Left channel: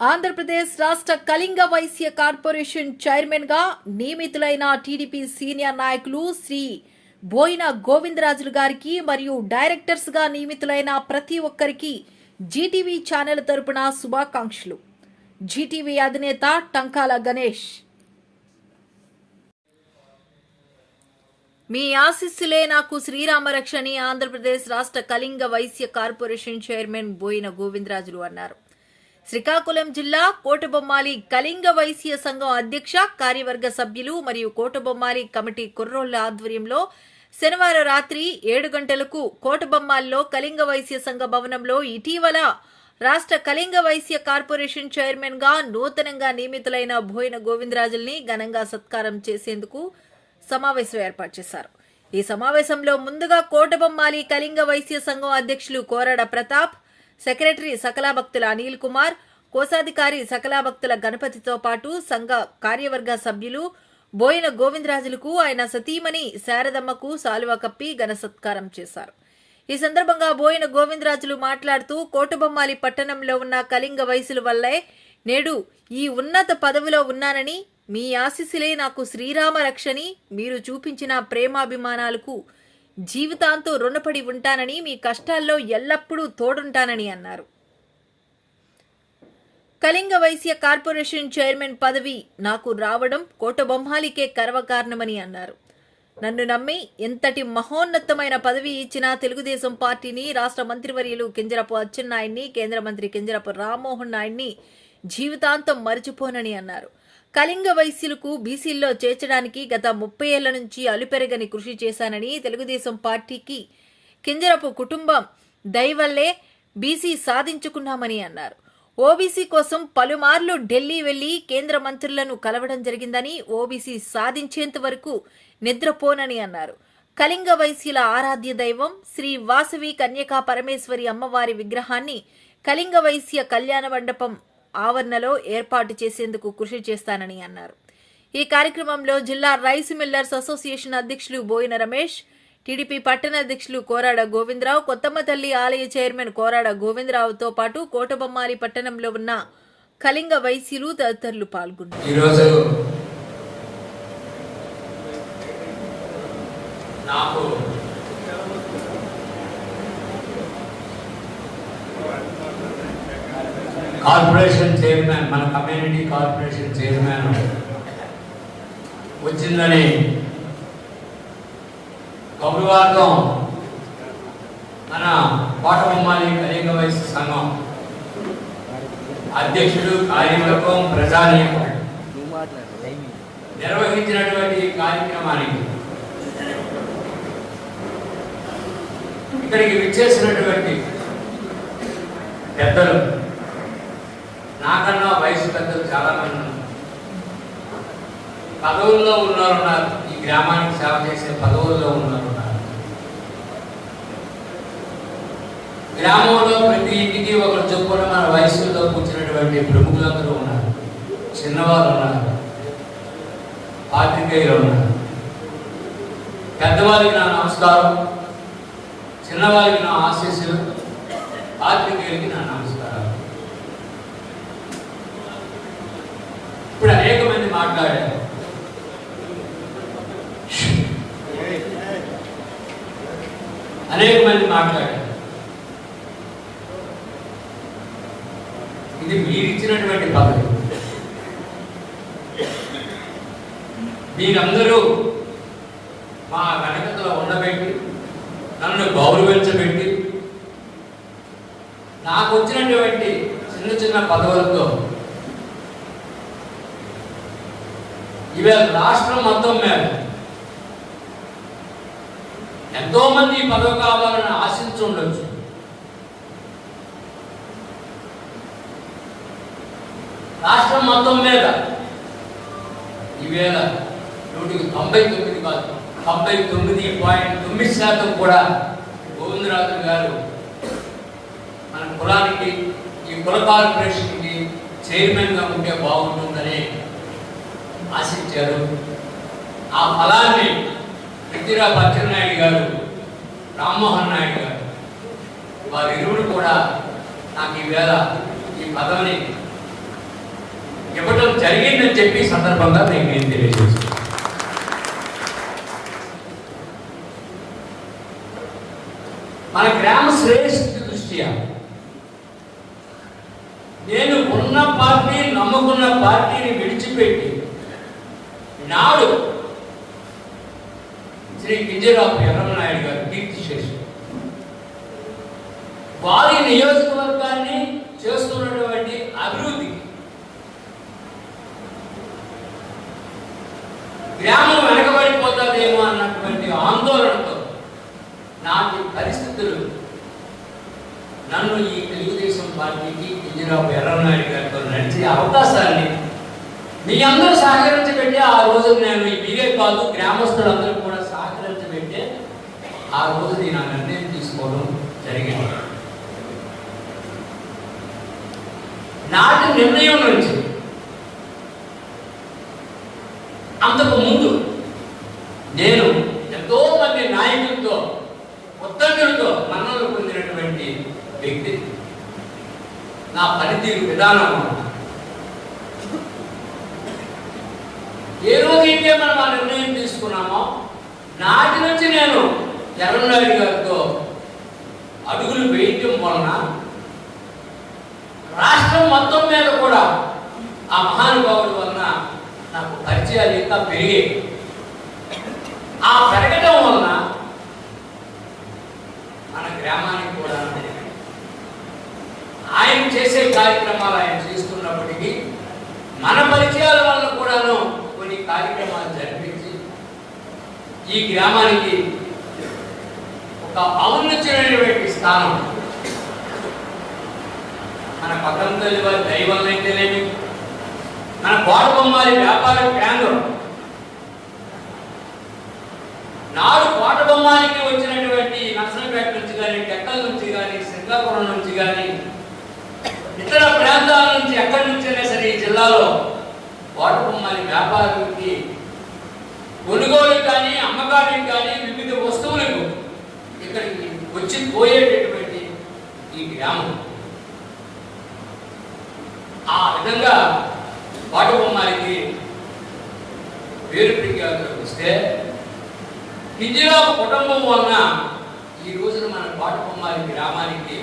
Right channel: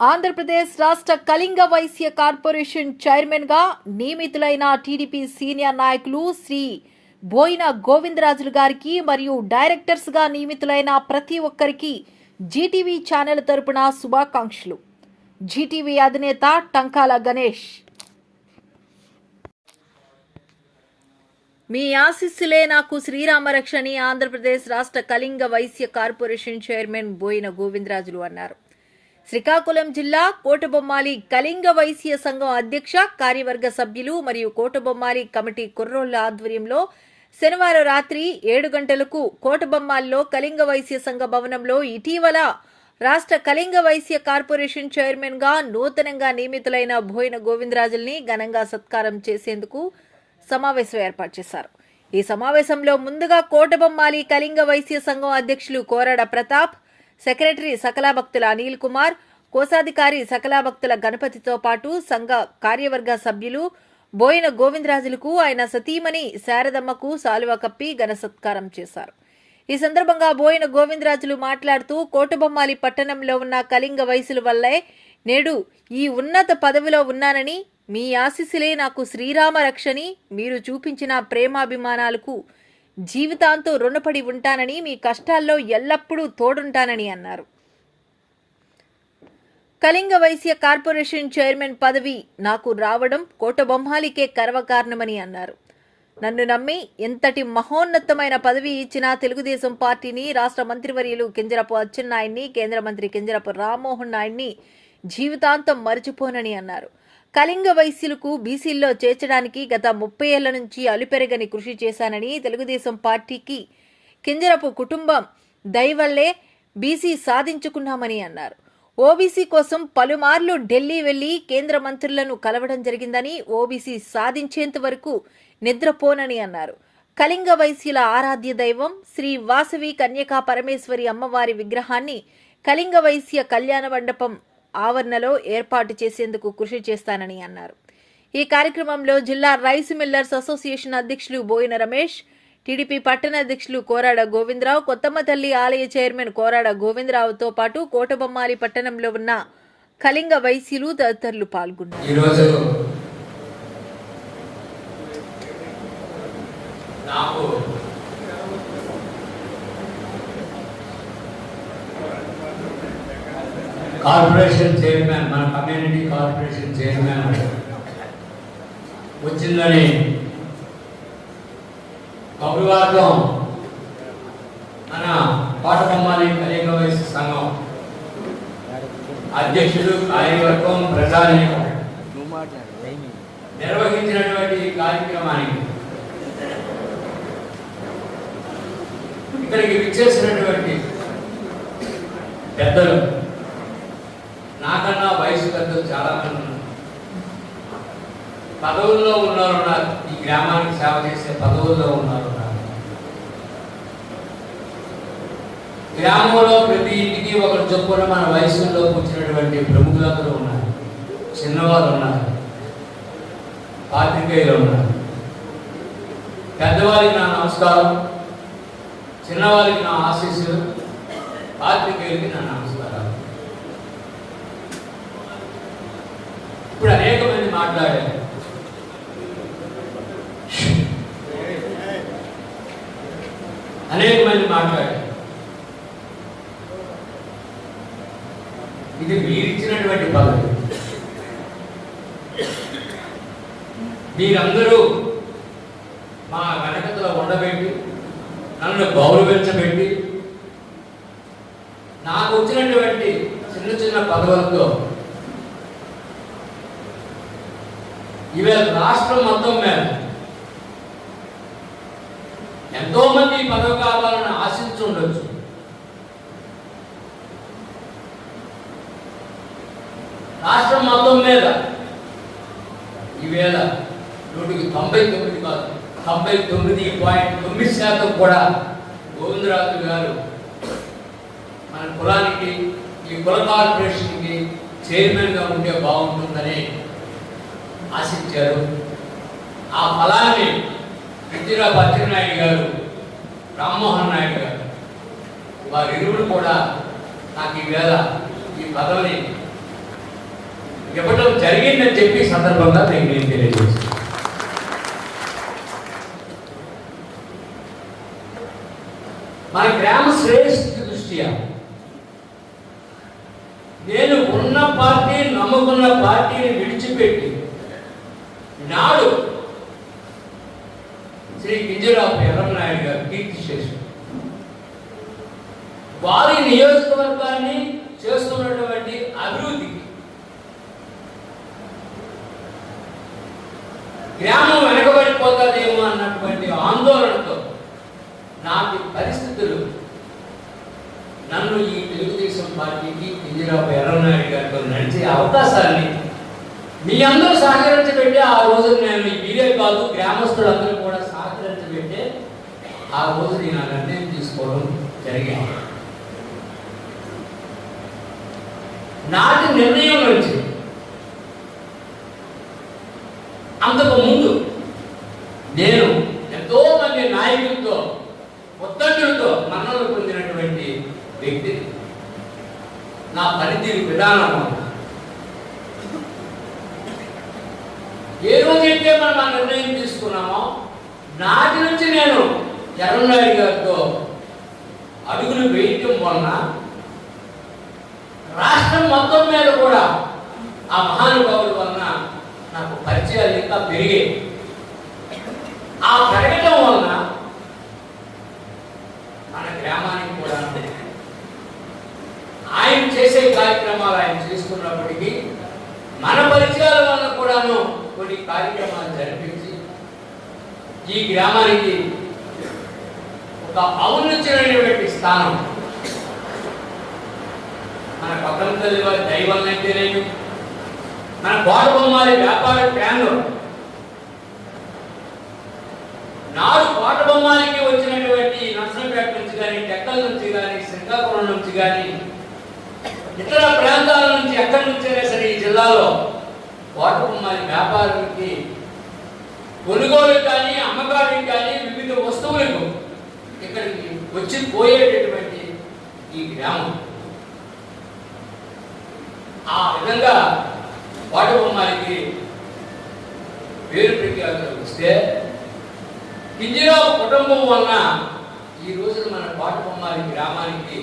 ఆంధ్రప్రదేశ్ రాష్ట్ర Kalinga Vysya corporation chairman గా నియమితులైన టీడీపీ సీనియర్ నాయకులు శ్రీ బోయిన గోవిందరాజులు గారికి మరియు డైరెక్టర్స్ గా నియమితులైన ప్రతి ఒక్కరికి జీటీవీ ఛానల్ తరపున శుభాకాంక్షలు. జీటీవీ అధినేత టంకాల గణేష్. మీ ఆశీస్సులే నాకు శ్రీరామరక్షని ఆంధ్రప్రదేశ్ రాష్ట్ర కళింగ వైశ్య కార్పొరేషన్ చైర్మన్ బోయిన గోవిందరాజులు అన్నారు. శ్రీకాకుళం జిల్లా కోటబొమ్మాలి కళింగ వైశ్య సంఘం అధ్యక్ష కార్యవర్గ సభ్యులు మరియు కోటబొమ్మాలి కమిటీ కుర్రోళ్ల ఆధ్వర్యంలో శనివారం రాత్రి 7 గంటలకు కోటబొమ్మాలిలో కళింగ వైశ్య సంఘ భవనంలో ఇటీవల రాష్ట్ర కళింగ వైశ్య కార్పొరేషన్ చైర్మన్ గా నూతనంగా నియమితులైన బోయిన గోవిందరాజుల్ని ఘనంగా సత్కారం చేసేందుకు సమావేశం ఏర్పాటు చేశారు. ఈ సమావేశంలో ముందుగా కోటబొమ్మాలి కళింగ వైశ్య సంఘం అధ్యక్షులు కోరాడ ప్రతాప్, సెక్రటరీ సకలాభక్తుల అనిల్ కుమార్, కోశాధికారి సకలాభక్తుల గణపతితో పాటు సంఘ కార్యవర్గ సభ్యులు బోయిన గోవిందరాజులకు ఆయన సతీమణి శారదమ్మకు సాలువా కప్పి ఘన సత్కారం చేశారు. ఈ సందర్భంగా బోయిన గోవిందరాజులు మాట్లాడుతూ కోటబొమ్మాలి పట్టణంలో ఉన్న కళింగ వైశ్యుల వల్లే నేడు ఈ ఉన్నత పదవిలో ఉన్నానని, మీ ఆశీస్సులే నాకు శ్రీరామ రక్షని, మీరు చూపించిన ప్రేమాభిమానాలకు జీవితాంతం రుణపడి ఉంటానని, మీ కష్టాల్లో ఎల్లప్పుడూ తోడుంటానని అన్నారు. కళింగ వైశ్య కార్పొరేషన్ చైర్మన్ పదవి నాకు రావడం కోటబొమ్మాలికే గర్వకారణమని అన్నారు. నన్ను నమ్మి ఎంతటి మహోన్నతమైన పదవి ఇచ్చిన తెలుగుదేశం పార్టీని, రాష్ట్ర మంత్రివర్యులు కింజరపు అచ్చెన్నాయుడిని, కేంద్ర మంత్రి కింజరపు రామ్మోహన్ నాయుడిని జీవితాంతం మరిచిపోనని అన్నారు. కళింగ వైశ్యులకు బీసీల్లో చేర్చడానికి గత 30 ఏళ్ల నుంచి అలుపెరగని కృషి చేశానని, తెలుగుదేశం పార్టీకి కింజరపు కుటుంబం దయవల్లే బీసీ సాధించుకున్నామని అన్నారు. ఓబీసీ కోసం పలుమార్లు ఢిల్లీ వెళ్లి కేంద్ర మంత్రులను కలవడం జరిగిందని, ఓబీసీ సాధించేంత వరకు నిద్రపోనని అన్నారు. కళింగ వైశ్యుల ఆరాధ్య దైవం శ్రీ వాసవి కన్యకా పరమేశ్వరి అమ్మవారి విగ్రహాన్ని కళింగ వైశ్య కళ్యాణ మండపం ఆవరణలో ఏర్పాటు చేసేందుకు కృషి చేస్తానని అన్నారు. ఈ కార్యక్రమంలో జిల్లా రైస్ మిల్లర్స్ అసోసియేషన్ అధ్యక్షులు బోయిన రమేష్, టీడీపీ పట్టణ అధ్యక్షులు కోరాడ గోవిందరావు, కొత్తమ్మ తల్లి ఆలయ చైర్మన్ కోరాడ గోవిందరావుతో పాటు కోటబొమ్మాలి పట్టణంలో ఉన్న కళింగ వైశ్యులు తదితరులు పాల్గొన్నారు. కార్పొరేషన్ చైర్మన్, మన కమ్యూనిటీ కార్పొరేషన్ చైర్మన్ వచ్చిందని కబురువార్తం మన కోటబొమ్మాలి కళింగ వైశ్య సంఘం అధ్యక్షుడు, కార్యవర్గం, ప్రజానీకం నిర్వహించినటువంటి ఈ కార్యక్రమానికి ఇక్కడికి విచ్చేసినటువంటి పెద్దలు, నాకన్నా వయసు పెద్దలు చాలా మంది పదవుల్లో ఉన్నారు, ఈ గ్రామానికి సేవ చేసే పదవుల్లో ఉన్నారు. గ్రామంలో ప్రతి ఇంటికి ఒకరు చొప్పున మన వయసులో కూర్చున్నటువంటి ప్రముఖులందరూ ఉన్నారు, చిన్నవారు ఉన్నారు, పాత్రికేయులు ఉన్నారు. పెద్దవారికి నా నమస్కారం, చిన్నవారికి నా ఆశీస్సులు, పాత్రికేయులకి నా నమస్కారం. ఇప్పుడు అనేక మంది మాట్లాడారు. ఇది మీరిచ్చినటువంటి పదవి. మీరందరూ మా వెనకతో ఉండబెట్టి, నన్ను గౌరవించబెట్టి, నాకు వచ్చినటువంటి చిన్న చిన్న పదవులతో ఇవాళ రాష్ట్రం మొత్తం మీద ఎంతో మంది పదవి కావాలని ఆశించి ఉండొచ్చు. రాష్ట్రం మొత్తం మీద ఈవేళ 99 కాదు, 99.9% కూడా గోవిందరాజు గారు మన కులానికి, ఈ కుల కార్పొరేషన్కి చైర్మన్ గా ఉంటే బాగుంటుందని ఆశించారు. ఆ ఆ ఫలాన్ని పృథ్వీరాజ్ అచ్చెన్నాయుడు గారు, రామ్మోహన్ నాయుడు గారు వారిరువురు కూడా నాకు ఈవేళ ఈ పదవిని ఇవ్వటం జరిగిందని చెప్పి సందర్భంగా నేను తెలియజేస్తాను. మన గ్రామ శ్రేష్ఠ దృష్ట్యా నేను ఉన్న పార్టీ, నమ్ముకున్న పార్టీని విడిచిపెట్టి నాడు శ్రీ కింజరాపు ఎర్రమనాయుడు గారు కీర్తిశేషుడు వారి నియోజకవర్గాన్ని చేస్తున్నటువంటి అభివృద్ధికి గ్రామం వెనకబడిపోతుందేమో అన్నటువంటి ఆందోళనతో నాటి పరిస్థితులు నన్ను ఈ తెలుగుదేశం పార్టీకి కింజరాపు ఎర్రమనాయుడు గారితో నడిచే అవకాశాన్ని మీ అందరూ సహకరించబెట్టే ఆ రోజు నేను మీరే కాదు గ్రామస్తులందరూ కూడా సహకరించబెట్టే ఆ రోజు నేను ఆ నిర్ణయం తీసుకోవడం జరిగింది. నాటి నిర్ణయం నుంచి అంతకు ముందు నేను ఎంతో మంది నాయకులతో, ఒత్తిడితో మన్నలు పొందినటువంటి వ్యక్తి. నా పనితీరు విధానం ఏ రోజైతే మనం ఆ నిర్ణయం తీసుకున్నామో నాటి నుంచి నేను ఎర్రమనాయుడు గారితో అడుగులు వేయటం వలన రాష్ట్రం మొత్తం మీద కూడా ఆ మహానుభావుడి వలన నాకు పరిచయాలు ఇంకా పెరిగాయి. ఆ పెరగడం వలన మన గ్రామానికి కూడా ఆయన చేసే కార్యక్రమాలు ఆయన చేసుకున్నప్పటికీ మన పరిచయాల వలన కూడాను కొన్ని కార్యక్రమాలు జరిపించి ఈ గ్రామానికి ఒక ఔన్నత్యమైనటువంటి స్థానం మన పక్కన తల్లి వారి దైవం అయితేనేమి, మన కోటబొమ్మాలి వ్యాపార కేంద్రం నాడు కోటబొమ్మాలికి వచ్చినటువంటి నర్సంపేట నుంచి కానీ, టెక్కల నుంచి కానీ, శ్రీకాకుళం నుంచి కానీ, ఇతర ప్రాంతాల నుంచి ఎక్కడి నుంచైనా సరే ఈ జిల్లాలో కోటబొమ్మాలి వ్యాపారానికి కొనుగోలు కానీ, అమ్మకానికి కానీ, వివిధ వస్తువులకు ఇక్కడికి వచ్చి పోయేటటువంటి ఈ గ్రామం ఆ విధంగా కోటబొమ్మాలికి పేరు ప్రఖ్యాతులు వస్తే కింజరాపు కుటుంబం వలన ఈ రోజున మన కోటబొమ్మాలి గ్రామానికి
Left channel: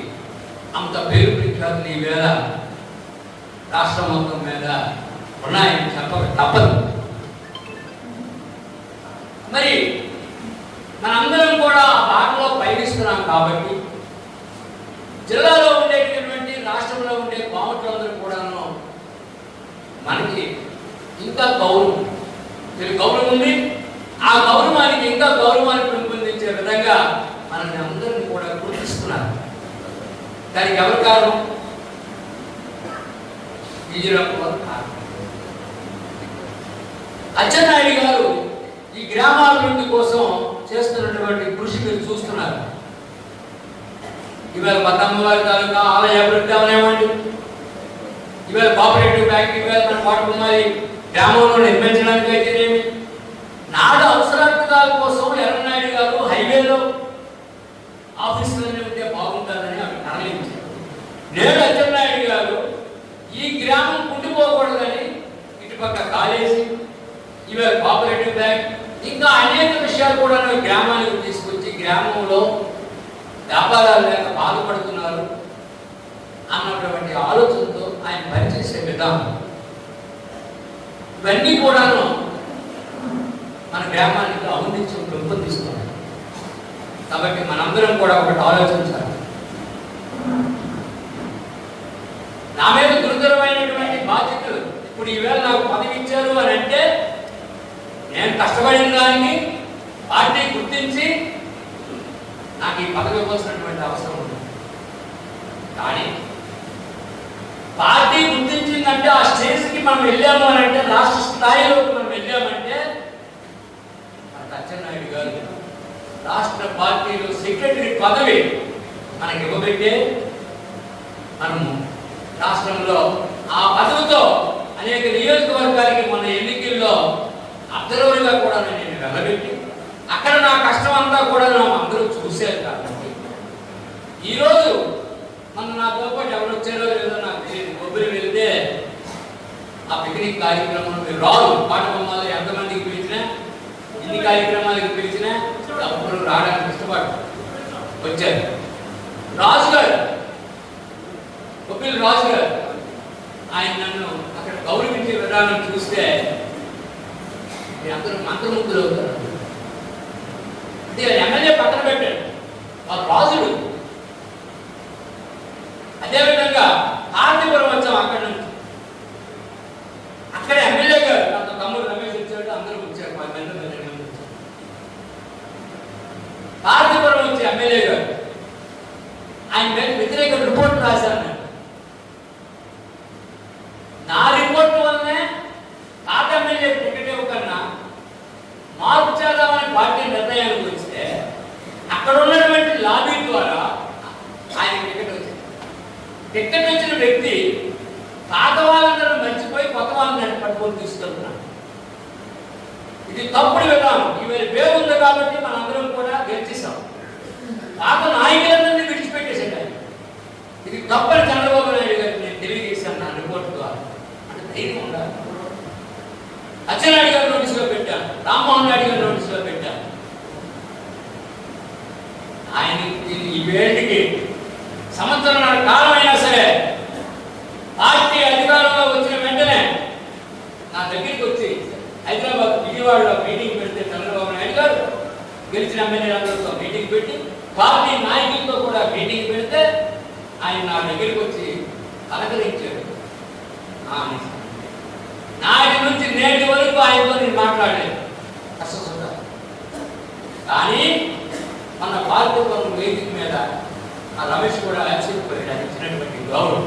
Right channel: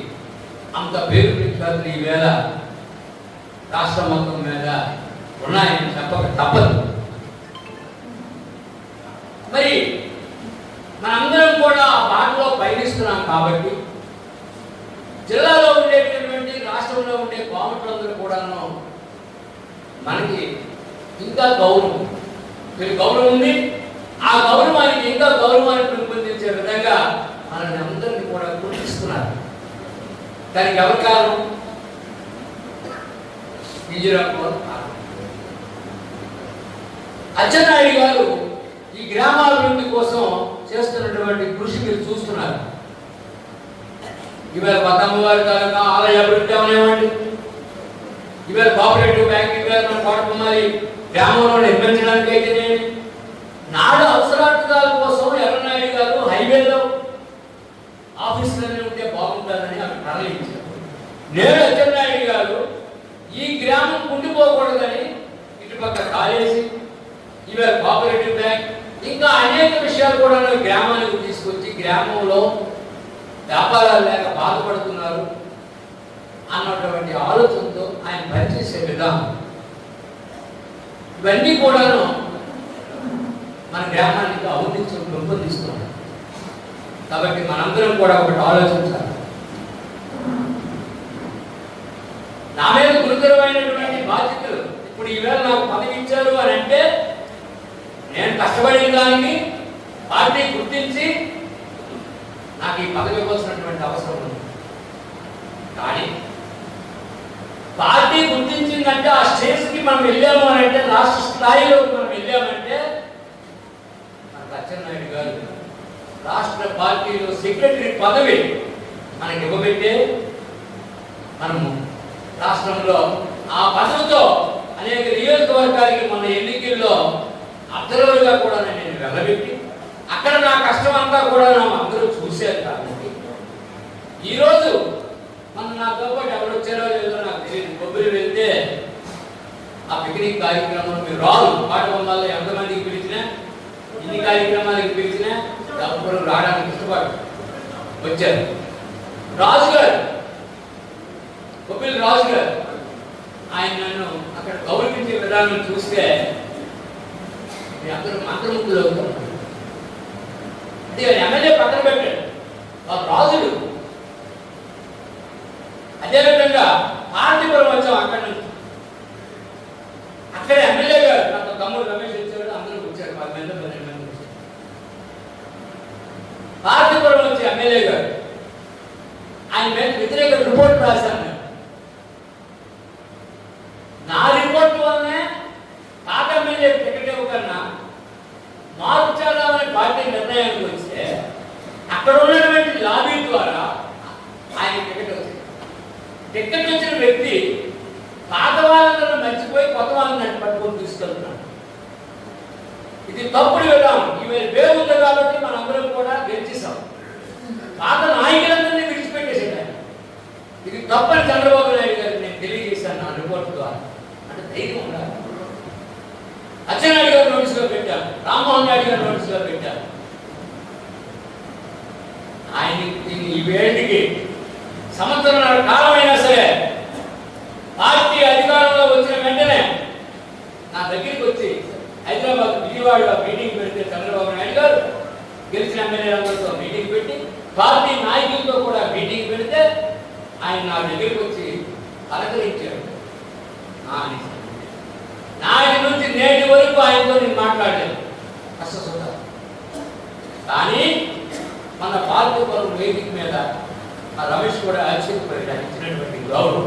అంత పేరు ప్రఖ్యాతులు ఈవేళ రాష్ట్రం మొత్తం మీద ఉన్నాయని చెప్పక తప్పదు. మరి మనందరం కూడా ఆ బాటలో పయనిస్తున్నాం కాబట్టి జిల్లాలో ఉండేటటువంటి, రాష్ట్రంలో ఉండే కోమట్లందరూ కూడాను మనకి ఇంకా గౌరవం ఉంది. ఆ గౌరవానికి ఇంకా గౌరవాన్ని పెంపొందించే విధంగా మనల్ని అందరినీ కూడా గుర్తిస్తున్నారు. దానికి ఎవరి కారణం? అచ్చెన్నాయుడు గారు ఈ గ్రామాభివృద్ధి కోసం చేస్తున్నటువంటి కృషి మీరు చూస్తున్నారు. ఇవాళ పద్దమ్మవారి తాలూకా ఆలయ అభివృద్ధి అవనివ్వండి, ఇవాళ కోఆపరేటివ్ బ్యాంక్ ఇవాళ మన కోటబొమ్మాలి గ్రామంలో నిర్మించడానికి అయితేనేమి, నాడు అవసరార్థాల కోసం ఎర్రనాయుడు గారు హైవేలో ఆఫీసులనే ఉంటే బాగుంటుందని అక్కడ తరలించారు. నేడు అచ్చెన్నాయుడు గారు ఈ గ్రామం కుండిపోకూడదని ఇటుపక్క కాలేజీ, ఇవాళ కోఆపరేటివ్ బ్యాంక్, ఇంకా అనేక విషయాలు కూడా గ్రామానికి తీసుకొచ్చి గ్రామంలో వ్యాపారాలు లేక బాధపడుతున్నారు అన్నటువంటి ఆలోచనతో ఆయన పనిచేసే విధానం ఇవన్నీ కూడాను మన గ్రామానికి ఔన్నత్యం పెంపొందిస్తున్నాయి. కాబట్టి మనందరం కూడా ఒకటి ఆలోచించాలి. నా మీద గురుతరమైనటువంటి బాధ్యతలు ఇప్పుడు ఈవేళ నాకు పదవి ఇచ్చారు అని అంటే నేను కష్టపడిన దానికి పార్టీ గుర్తించి నాకు ఈ పదవి ఇవ్వాల్సినటువంటి అవసరం ఉంది. కానీ పార్టీ గుర్తించిందంటే ఆ స్టేజ్కి మనం వెళ్ళాము అని అంటే, రాష్ట్ర స్థాయిలో మనం వెళ్ళామంటే అచ్చెన్నాయుడు గారు రాష్ట్ర పార్టీలో సెక్రటరీ పదవి మనకి ఇవ్వబెట్టే మనము రాష్ట్రంలో ఆ పదవితో అనేక నియోజకవర్గానికి మన ఎన్నికల్లో అబ్జర్వర్గా కూడా నేను వెళ్ళబెట్టి అక్కడ నా కష్టం అంతా కూడా అందరూ చూశారు. కాబట్టి ఈరోజు నాతో పాటు ఎవరు వచ్చారో లేదో నాకు తెలియదు. కొబ్బరి వెళ్తే ఆ పిక్నిక్ కార్యక్రమంలో మీరు రాదు పాట బొమ్మల్లో ఎంతమందికి పిలిచినా ఇన్ని కార్యక్రమాలకు పిలిచినా ఎవరు రావడానికి ఇష్టపడరు. వచ్చారు రాజు గారు, కొబ్బరి రాజు గారు, ఆయన నన్ను అక్కడ గౌరవించే విధానం చూస్తే అందరూ మంత్రముగ్ధులు అవుతారు. అంటే ఎమ్మెల్యే పక్కన పెట్టాడు, ఆ రాజుడు. అదేవిధంగా హారతిపురం వచ్చాం. అక్కడ నుంచి అక్కడ ఎమ్మెల్యే గారు మా తమ్ముడు రమేష్ వచ్చాడు, అందరూ వచ్చారు, 10 మంది 12 మంది వచ్చారు. హారతిపురం వచ్చే ఎమ్మెల్యే గారు ఆయన మీద వ్యతిరేక రిపోర్ట్ రాశాను. నా రిపోర్ట్ వల్లనే తాత ఎమ్మెల్యే టికెట్ ఇవ్వకన్నా మార్పు చేద్దామని పార్టీ నిర్ణయానికి వస్తే అక్కడ ఉన్నటువంటి లాబీ ద్వారా ఆయన టికెట్ వచ్చింది. టికెట్ వచ్చిన వ్యక్తి పాత వాళ్ళందరూ మర్చిపోయి కొత్త వాళ్ళని పట్టుకొని తీసుకెళ్తున్నాడు. ఇది తప్పుడు విధానం. ఇవాళ పేరు ఉంది కాబట్టి మనందరం కూడా గెలిచేసాం. పాత నాయకులందరినీ విడిచిపెట్టేసాడు ఆయన. ఇది తప్పని చంద్రబాబు నాయుడు గారికి నేను తెలియజేశాను నా రిపోర్ట్ ద్వారా. అంటే ధైర్యం ఉండాలి. అచ్చెన్నాయుడు గారు నోటీసులో పెట్టాను, రామ్మోహన్ రెడ్డి గారు నోటీసులో పెట్టాను. ఆయన ఈ వేడికి సంవత్సరాల కాలమైనా సరే పార్టీ అధికారంలో వచ్చిన వెంటనే నా దగ్గరికి వచ్చి హైదరాబాద్ విజయవాడలో మీటింగ్ పెడితే చంద్రబాబు నాయుడు గారు గెలిచిన ఎమ్మెల్యేలందరితో మీటింగ్ పెట్టి పార్టీ నాయకులతో కూడా మీటింగ్ పెడితే ఆయన నా దగ్గరికి వచ్చి పలకరించారు. నాటి నుంచి నేటి వరకు ఆయనతో నేను మాట్లాడలేదు కష్టసుఖ. కానీ మన పార్టీ వేదిక మీద ఆ రమేష్ కూడా ఆశ్చర్యపోయాడు. ఇచ్చినటువంటి గౌరవం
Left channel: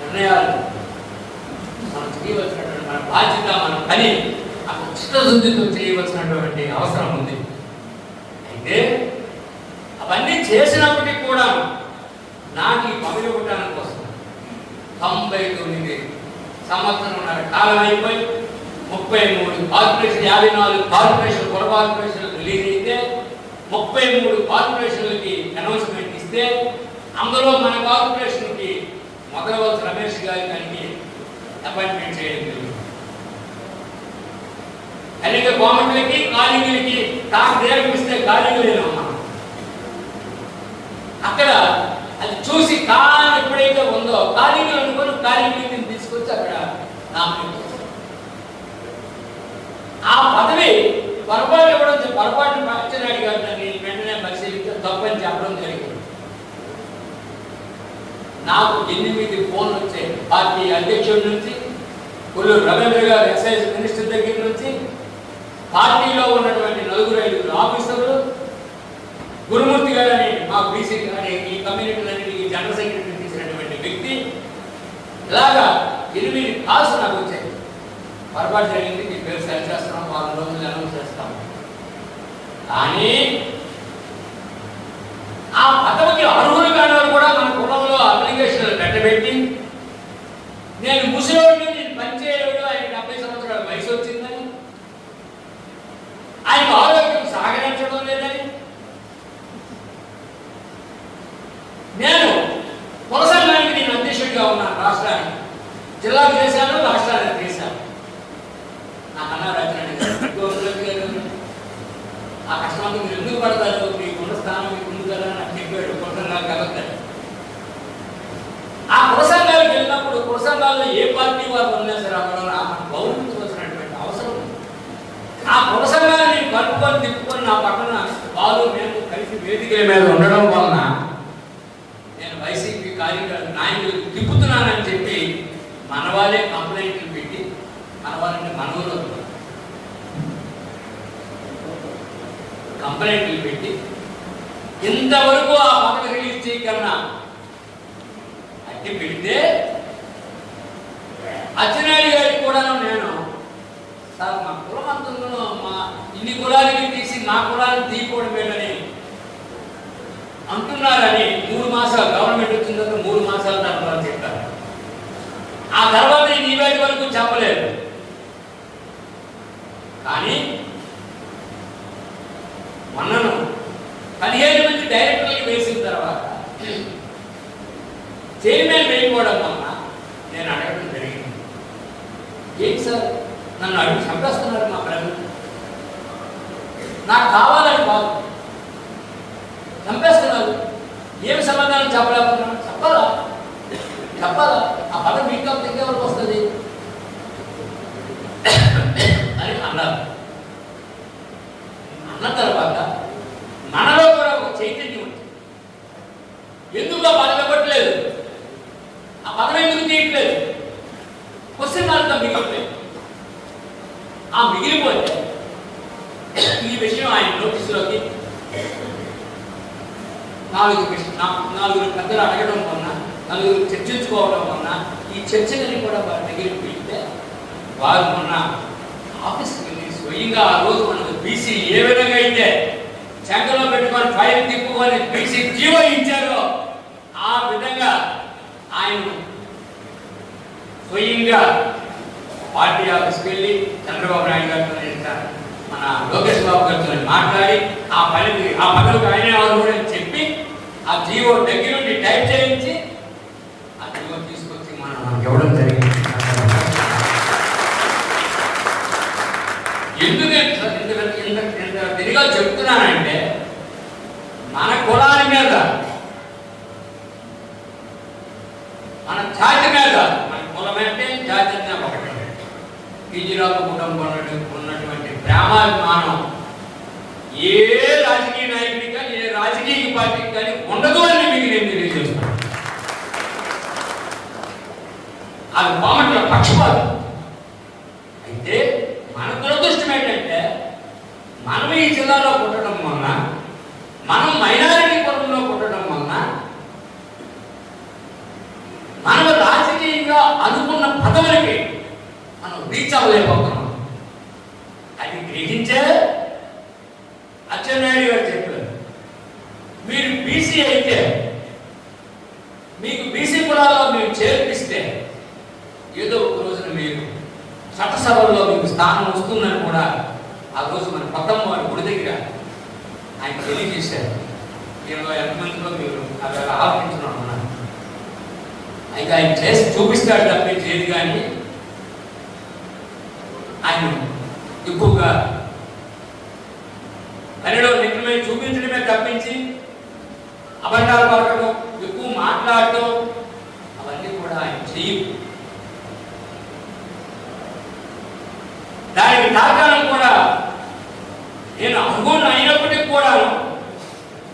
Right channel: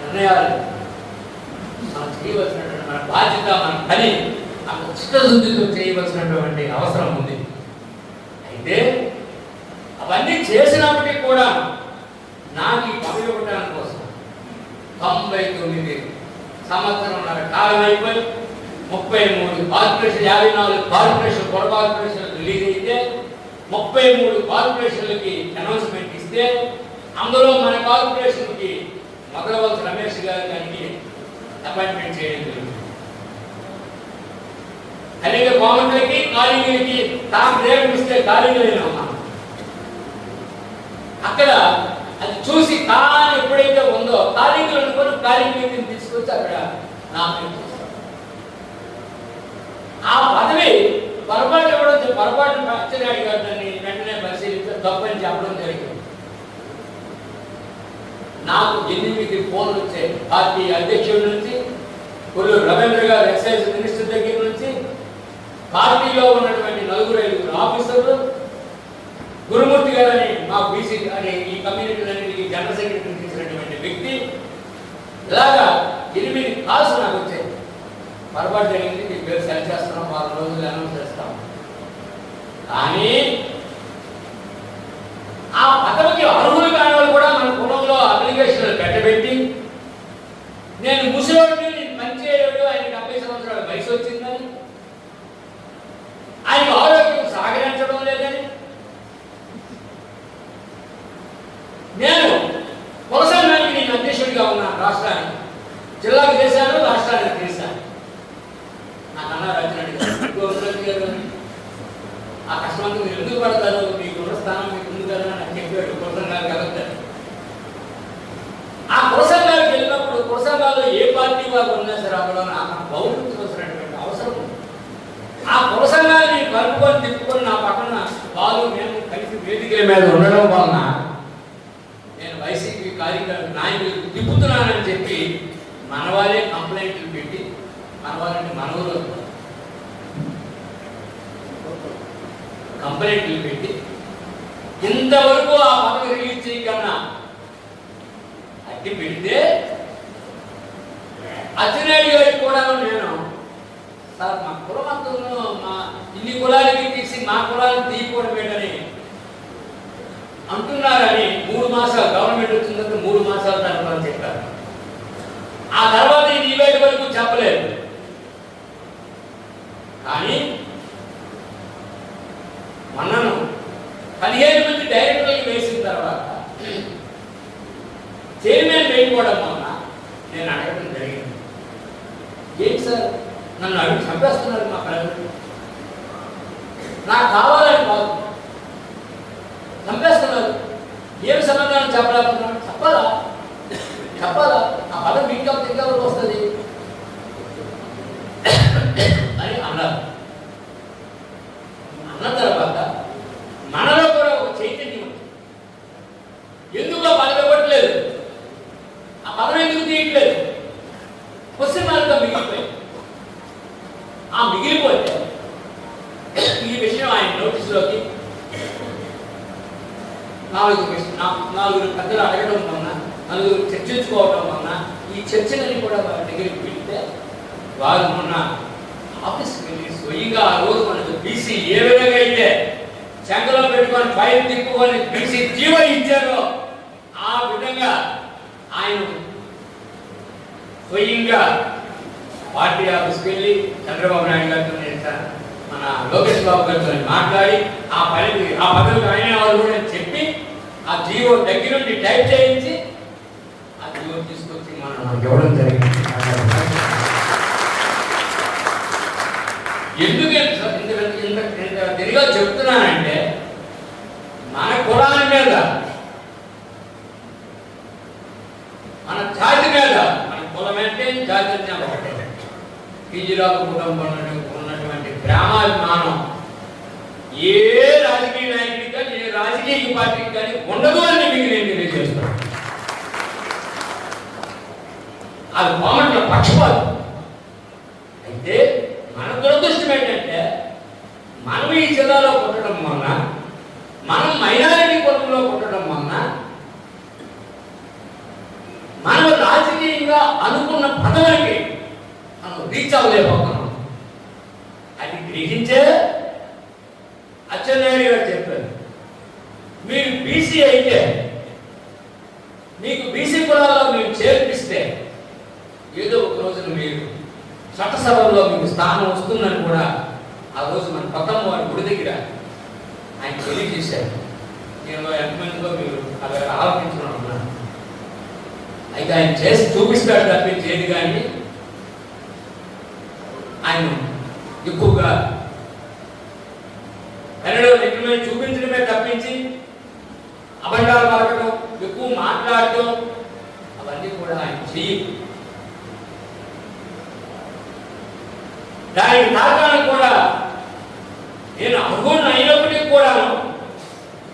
నిర్ణయాలు మనం చేయవలసినటువంటి మన బాధ్యత, మన పని అంత చిత్తశుద్ధితో చేయవలసినటువంటి అవసరం ఉంది. అయితే అవన్నీ చేసినప్పటికీ కూడా నాకు ఈ పదవి ఇవ్వడానికి కోసం 99 సంవత్సరాల కాలం అయిపోయి 33 కార్పొరేషన్ 54 కార్పొరేషన్ కొత్త కార్పొరేషన్లు రిలీజ్ అయితే 33 కార్పొరేషన్లకి అనౌన్స్మెంట్ ఇస్తే అందులో మన కార్పొరేషన్కి మొదలవలసి రమేష్ గారికి అపాయింట్మెంట్ చేయడం జరిగింది. అనేక గవర్నమెంట్లకి ఖాళీలకి టాస్క్ ఇస్తే ఖాళీలు అక్కడ అది చూసి కాలం ఎప్పుడైతే ఉందో ఖాళీలు అనుకుని ఖాళీని తీసుకొచ్చి అక్కడ నామినేట్ ఆ పదవి పొరపాటు కూడా పొరపాటు అచ్చెన్నాయుడు గారు దాన్ని వెంటనే పరిశీలిస్తే తప్పని చెప్పడం జరిగింది. నాకు 8 ఫోన్లు వచ్చాయి పార్టీ అధ్యక్షుడి నుంచి, కొల్లూరు రవీంద్ర గారు ఎక్సైజ్ మినిస్టర్ దగ్గర నుంచి, పార్టీలో ఉన్నటువంటి 4-5 ఆఫీసర్లు, గురుమూర్తి గారని మా బీసీ అనే ఈ కమ్యూనిటీలన్నింటికి జనరల్ సెక్రటరీ చేసినటువంటి వ్యక్తి, ఇలాగా 8 కాల్స్ నాకు వచ్చాయి. పొరపాటు జరిగింది, మీ పేరు సరి చేస్తున్నాం, 4 రోజులు అనౌన్స్ చేస్తాం. కానీ ఆ పదవికి అర్హులు కావాలి కూడా మన కులంలో అప్లికేషన్లు పెట్టబెట్టి నేను ముసలివాడిని, నేను పనిచేయలేడు, ఆయన 70 సంవత్సరాల వయసు వచ్చిందని, ఆయనకు ఆరోగ్యం సహకరించడం లేదని, నేను కొనసాగానికి నేను అధ్యక్షుడిగా ఉన్నాను. రాష్ట్రానికి జిల్లాకు చేశాను, రాష్ట్రానికి చేశాను. నాకన్నా రాజరెడ్డి గారు ఆ కష్టమంతా మీరు ఎందుకు పడతారు, మీకున్న స్థానం మీకు ఉంది కదా నాకు చెప్పాడు. కులసంఘాలు కలుగుతారు. ఆ కులసంఘాలకు వెళ్ళినప్పుడు కులసంఘాల్లో ఏ పార్టీ వారు ఉన్నా సరే అక్కడ నాకు గౌరవించవలసినటువంటి అవసరం ఉంది. ఆ కులసంఘాన్ని కలుపుకొని తిప్పుకొని నా పక్కన వాళ్ళు మేము కలిసి వేదికల మీద ఉండడం వలన నేను వైసీపీ కార్యకర్త నాయకులు తిప్పుతున్నానని చెప్పి మన వాళ్ళే కంప్లైంట్లు పెట్టి, మన వాళ్ళంటే మనవులు కంప్లైంట్లు పెట్టి ఇంతవరకు ఆ పథకం రిలీజ్ చేయకన్నా అట్టి పెడితే అచ్చెన్నాయుడు గారికి కూడా నేను సార్ మా కులమంతులను మా ఇన్ని కులాలకి తీసి మా కులాలను తీయకూడదు పెట్టని అంటున్నారని 3 మాసాలు గవర్నమెంట్ వచ్చిన తర్వాత 3 మాసాల తర్వాత చెప్పారు. ఆ తర్వాత ఇది ఈవేళ వరకు చెప్పలేదు. కూడా మొన్న నేను అడగడం జరిగింది. ఏంటి సార్ నన్ను అడిగి చంపేస్తున్నారు మా ప్రజలు, నాకు కావాలని కాదు చంపేస్తున్నారు, ఏమి సమాధానం చెప్పాలనుకున్నాను? చెప్పాలా ఆ పదం మీకు ఎవరికి వస్తుంది అని అన్నారు. అన్న తర్వాత మనలో కూడా ఒక చైతన్యం ఉంది. ఎందుకు ఆ పదం ఇవ్వట్లేదు, ఆ పదం ఎందుకు తీయట్లేదు? క్వశ్చన్ మార్క్గా మిగిలిపోయింది. ఆ మిగిలిపోతే ఈ విషయం ఆయన నోటీసులోకి నాలుగు పెద్దలు అడగడం వలన, నలుగురు చర్చించుకోవడం వలన ఈ చర్చలని కూడా వారి దగ్గరికి పెడితే వారు మొన్న ఆఫీస్కి వెళ్ళి స్వయంగా ఆ రోజు మనకు బీసీ ఏ విధంగా అయితే చెంగలో పెట్టుకొని ఫైల్ తిప్పుకొని బీసీ జీవో ఇచ్చారో ఆ విధంగా ఆయన స్వయంగా పార్టీ ఆఫీస్కి వెళ్ళి చంద్రబాబు నాయుడు గారితో మన లోకేష్ బాబు గారితో మాట్లాడి ఆ పదవికి ఆయన కూడా చెప్పి ఆ జీవో దగ్గర నుండి టైప్ చేయించి ఆ జీవో తీసుకొచ్చి మనం ఇవ్వడం జరిగింది. ఎందుకు ఇంత తిరిగా చెప్తున్నానంటే మన కులాల మీద, మన జాతి మీద, మన కులం అంటే జాతి ఒకటే, టీజీరావు కుటుంబం ఉన్నటువంటి ప్రేమాభిమానం ఏ రాజకీయ నాయకుడికి కానీ ఏ రాజకీయ పార్టీకి కానీ ఉండదు అని మీకు నేను తెలియజేస్తాను. అది పామట్ల పక్షపాతం. అయితే మన దురదృష్టం ఏంటంటే మనం ఈ జిల్లాలో పుట్టడం వలన, మనం మైనారిటీ కులంలో పుట్టడం వలన మనం రాజకీయంగా అనుకున్న పదవులకి మనం రీచ్ అవ్వలేకపోతున్నాం. అది గ్రహించే అచ్చెన్నాయుడు గారు చెప్పారు, మీరు బీసీ అయితే మీకు బీసీ కులాల్లో మీరు చేర్పిస్తే ఏదో ఒక రోజున మీరు చట్టసభల్లో మీకు స్థానం వస్తుందని కూడా ఆ రోజు మన పక్కన వారి గుడి దగ్గర ఆయన తెలియజేశారు. నేను ఎంతమందితో మీరు అవి ఆలోచించడం అన్నాను. అయితే ఆయన చేసి చూపిస్తాడు తప్పించి ఏది కానీ ఆయన ఎక్కువగా తనలో నిజమే చూపించడమే తప్పించి అబద్ధాలు మాట్లాడడం, ఎక్కువ మాట్లాడటం అవన్నీ కూడా ఆయన చెయ్యి. దానికి దాఖలను కూడా నేను అర్హుని అయినప్పటికీ కూడా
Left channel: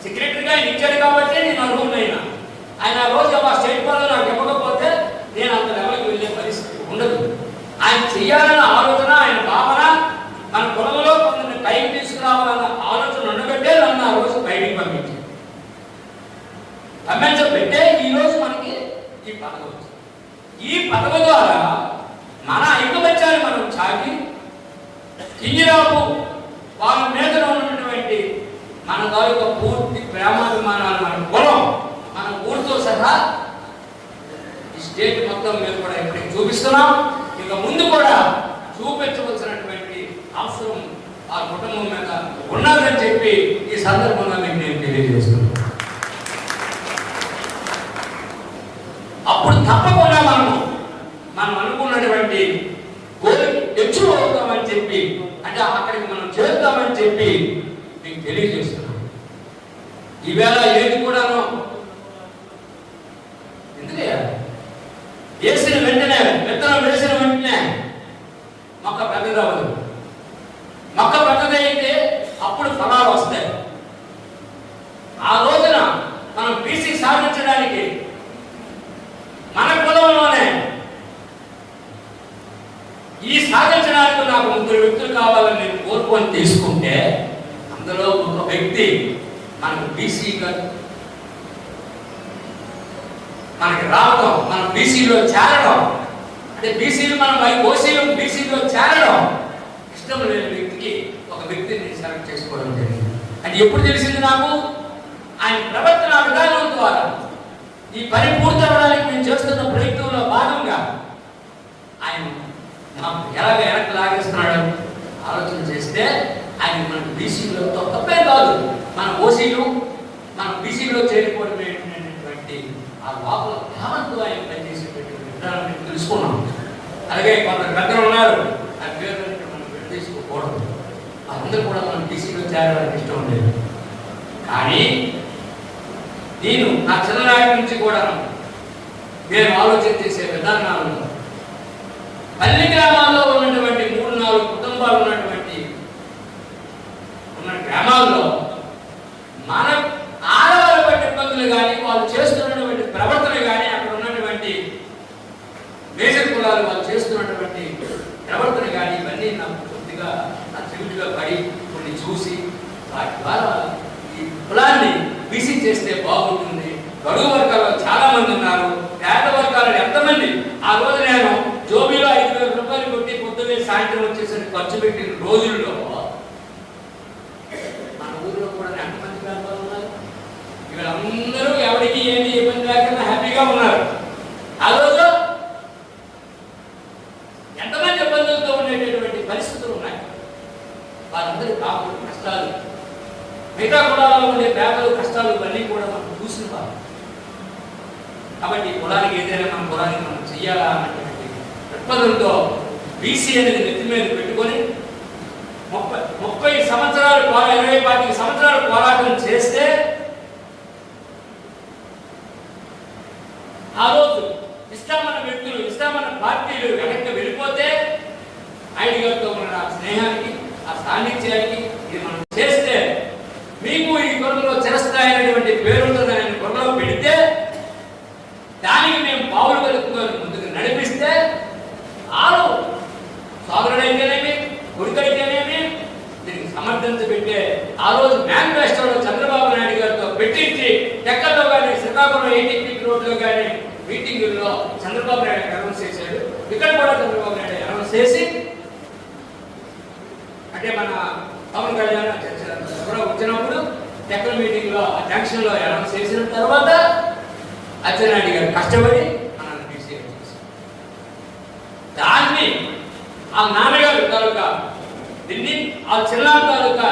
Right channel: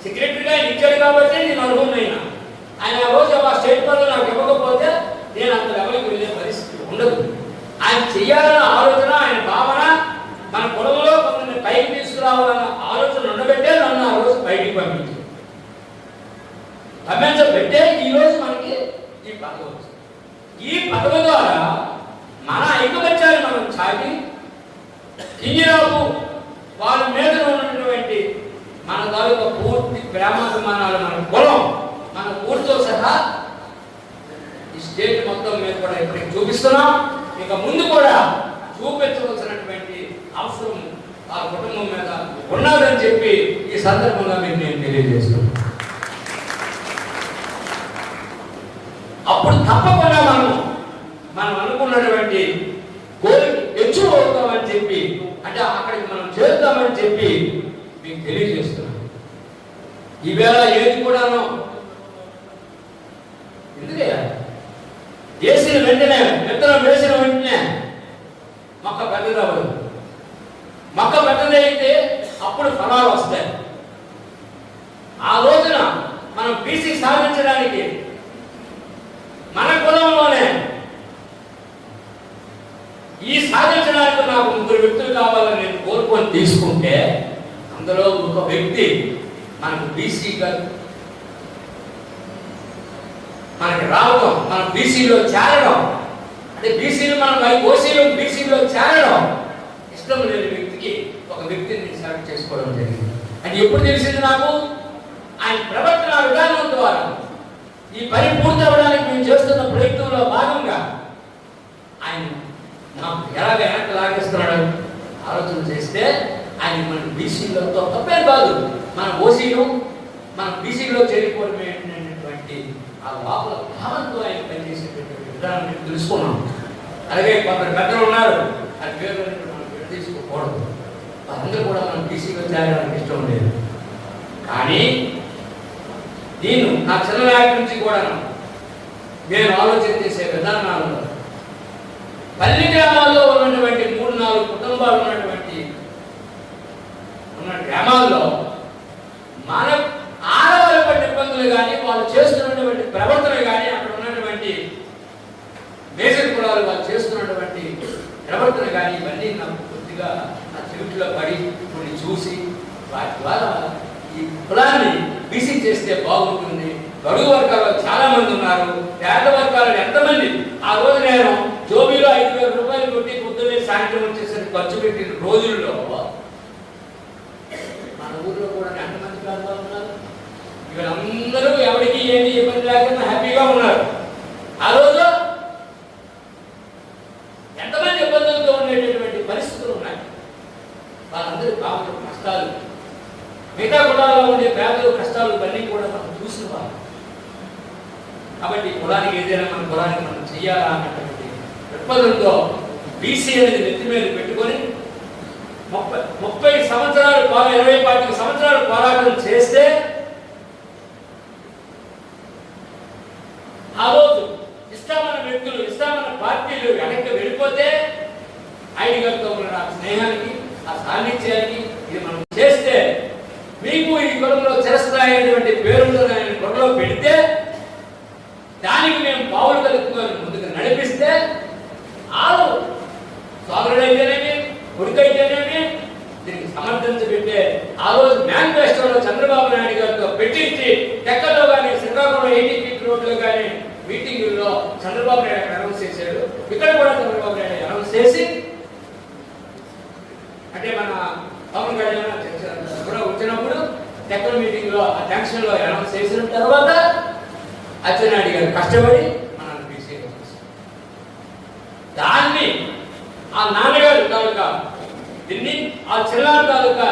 సెక్రటరీగా ఇచ్చాడు కాబట్టి నేను అర్హుని అయినా. ఆయన రోజు ఆ స్టేట్ పదవి నాకు ఇవ్వకపోతే నేను అంత లెవెల్కి వెళ్ళే పరిస్థితి ఉండదు. ఆయన చెయ్యాలన్న ఆలోచన, ఆయన భావన, మన కులంలో కొందరిని పైకి తీసుకురావాలన్న ఆలోచన ఉండబట్టే నన్ను ఆ రోజు బయటికి పంపించబట్టే ఈ రోజు మనకి ఈ పదవి వచ్చింది. ఈ పదవి ద్వారా మన ఐకమత్యాన్ని మనం చాటి కింజరాపు వాళ్ళ మీద ఉన్నటువంటి మన తాలూకా పూర్తి ప్రేమాభిమానాలు, మన కులం, మన ఊరితో సహా ఈ స్టేట్ మొత్తం మేము కూడా ఇప్పటికి చూపిస్తున్నాం. ఇక ముందు కూడా చూపించవలసినటువంటి అవసరం ఆ కుటుంబం మీద ఉన్నదని చెప్పి ఈ సందర్భంగా మీకు నేను తెలియజేస్తున్నాను. అప్పుడు తప్పకుండా మనం అనుకున్నటువంటి కోరిక ఎక్కువ అవుతామని చెప్పి, అంటే అక్కడికి మనం చేరుతామని చెప్పి మీకు తెలియజేస్తున్నాం. ఈవేళ ఏది కూడాను ఎందుకే వేసిన వెంటనే, విత్తనం వేసిన వెంటనే మొక్క పెద్దదవ్వదు. మొక్క పెద్దదైతే అప్పుడు ఫలాలు వస్తాయి. ఆ రోజున మనం బీసీ సాధించడానికి మన కులంలోనే ఈ సాధించడానికి నాకు 3 వ్యక్తులు కావాలని నేను కోరుకొని తీసుకుంటే అందులో ఒక వ్యక్తి మనకు బీసీగా మనకి రావడం, మన బీసీలో చేరడం, అంటే బీసీలు మనం ఓసీలో బీసీలో చేరడం ఇష్టం లేని వ్యక్తికి ఒక వ్యక్తిని సెలెక్ట్ చేసుకోవడం జరిగింది. అది ఎప్పుడు తెలిసింది నాకు? ఆయన ప్రవర్తన విధానం ద్వారా ఈ పని పూర్తి అవ్వడానికి మేము చేస్తున్న ప్రయత్నంలో భాగంగా ఆయన నాకు ఎలాగ వెనక్కి లాగేస్తున్నాడు ఆలోచన చేస్తే ఆయన మన బీసీలో తప్పే కాదు, మన ఓసీలు మన బీసీలో చేరిపోయినటువంటి ఆ లోపల భావంతో ఆయన పనిచేసేటువంటి విధానాన్ని తెలుసుకున్నాం. అలాగే కొందరు పెద్దలు ఉన్నారు, ఆ పేరు మనం పెట్టేసుకోకూడదు, అందరూ కూడా మనం బీసీగా చేరాలని ఇష్టం లేదు. కానీ నేను నా చిన్ననాటి నుంచి కూడా నేను ఆలోచన చేసే విధానాలలో పల్లి గ్రామాల్లో ఉన్నటువంటి 3-4 కుటుంబాలు ఉన్నటువంటి గ్రామాల్లో మన ఆడవాళ్ళ పట్ల ఇబ్బందులు కానీ వాళ్ళు చేస్తున్నటువంటి ప్రవర్తన కానీ అక్కడ ఉన్నటువంటి మేజర్ కులాలు వాళ్ళు చేస్తున్నటువంటి ప్రవర్తన కానీ ఇవన్నీ నాకు పూర్తిగా ఆ చెవిటిలో పడి కొన్ని చూసి వాటి ద్వారా ఈ కులాన్ని బీసీ చేస్తే బాగుంటుంది. బడుగు వర్గాల్లో చాలా మంది ఉన్నారు, పేద వర్గాల్లో ఎంతమంది. ఆ రోజు నేను జోబీలో 5,000 రూపాయలు కొట్టి పొద్దున్నే సాయంత్రం వచ్చేసరికి ఖర్చు పెట్టిన రోజుల్లో మన ఊర్లో కూడా ఎంతమంది పేదవాళ్ళు ఉన్నారు. వీళ్ళందరూ ఎవరికి ఏమి ఇబ్బంది లేకుండా హ్యాపీగా ఉన్నారు. ఆ రోజు ఎంతమంది ఇబ్బందులతో ఉండేటటువంటి పరిస్థితులు ఉన్నాయి. వాళ్ళందరూ కాపులు కష్టాలు, మిగతా కులాల్లో ఉండే పేదలు కష్టాలు ఇవన్నీ కూడా మనం చూస్తున్నాం. కాబట్టి కులానికి ఏదైనా మన కులానికి మనం చెయ్యాలా అన్నటువంటి దృక్పథంతో బీసీ అనేది నెత్తి మీద పెట్టుకొని 30 సంవత్సరాలు 20-25 సంవత్సరాలు పోరాటం చేస్తే ఆ రోజు ఇష్టమైన వ్యక్తులు, ఇష్టమైన పార్టీలు వెనక్కి వెళ్ళిపోతే ఆయన గారితో ఉన్న ఆ స్నేహానికి, ఆ సాన్నిధ్యానికి ఇది మనం చేస్తే మీకు ఈ కొరలో చేస్తాయనేటువంటి పేరుతో ఆయన కొరలో పెడితే దానికి మేము పావులు కలుపుకొని ముందుకు నడిపిస్తే ఆరు సోదరుడైతేనేమి కొడుకైతేనేమి దీనికి సమర్థించబెట్టే ఆ రోజు మేనిఫెస్టోలో చంద్రబాబు నాయుడు గారితో పెట్టించి టెక్కల్లో కానీ శ్రీకాకుళం 80 ఫీట్ రోడ్లో కానీ మీటింగుల్లో చంద్రబాబు నాయుడు అనౌన్స్ చేశాడు. ఇక్కడ కూడా చంద్రబాబు నాయుడు అనౌన్స్ చేసి అంటే మన పవన్ కళ్యాణ్ వచ్చినప్పుడు టెక్కల మీటింగ్ లో ఆ జంక్షన్ లో అనౌన్స్ చేసిన తర్వాత అచ్చెన్నాయుడు గారు కష్టపడి మనల్ని బీసీగా చేశారు. దాన్ని ఆ నాన్నగారు తాలూకా ఢిల్లీ, ఆ చిన్నారి తాలూకా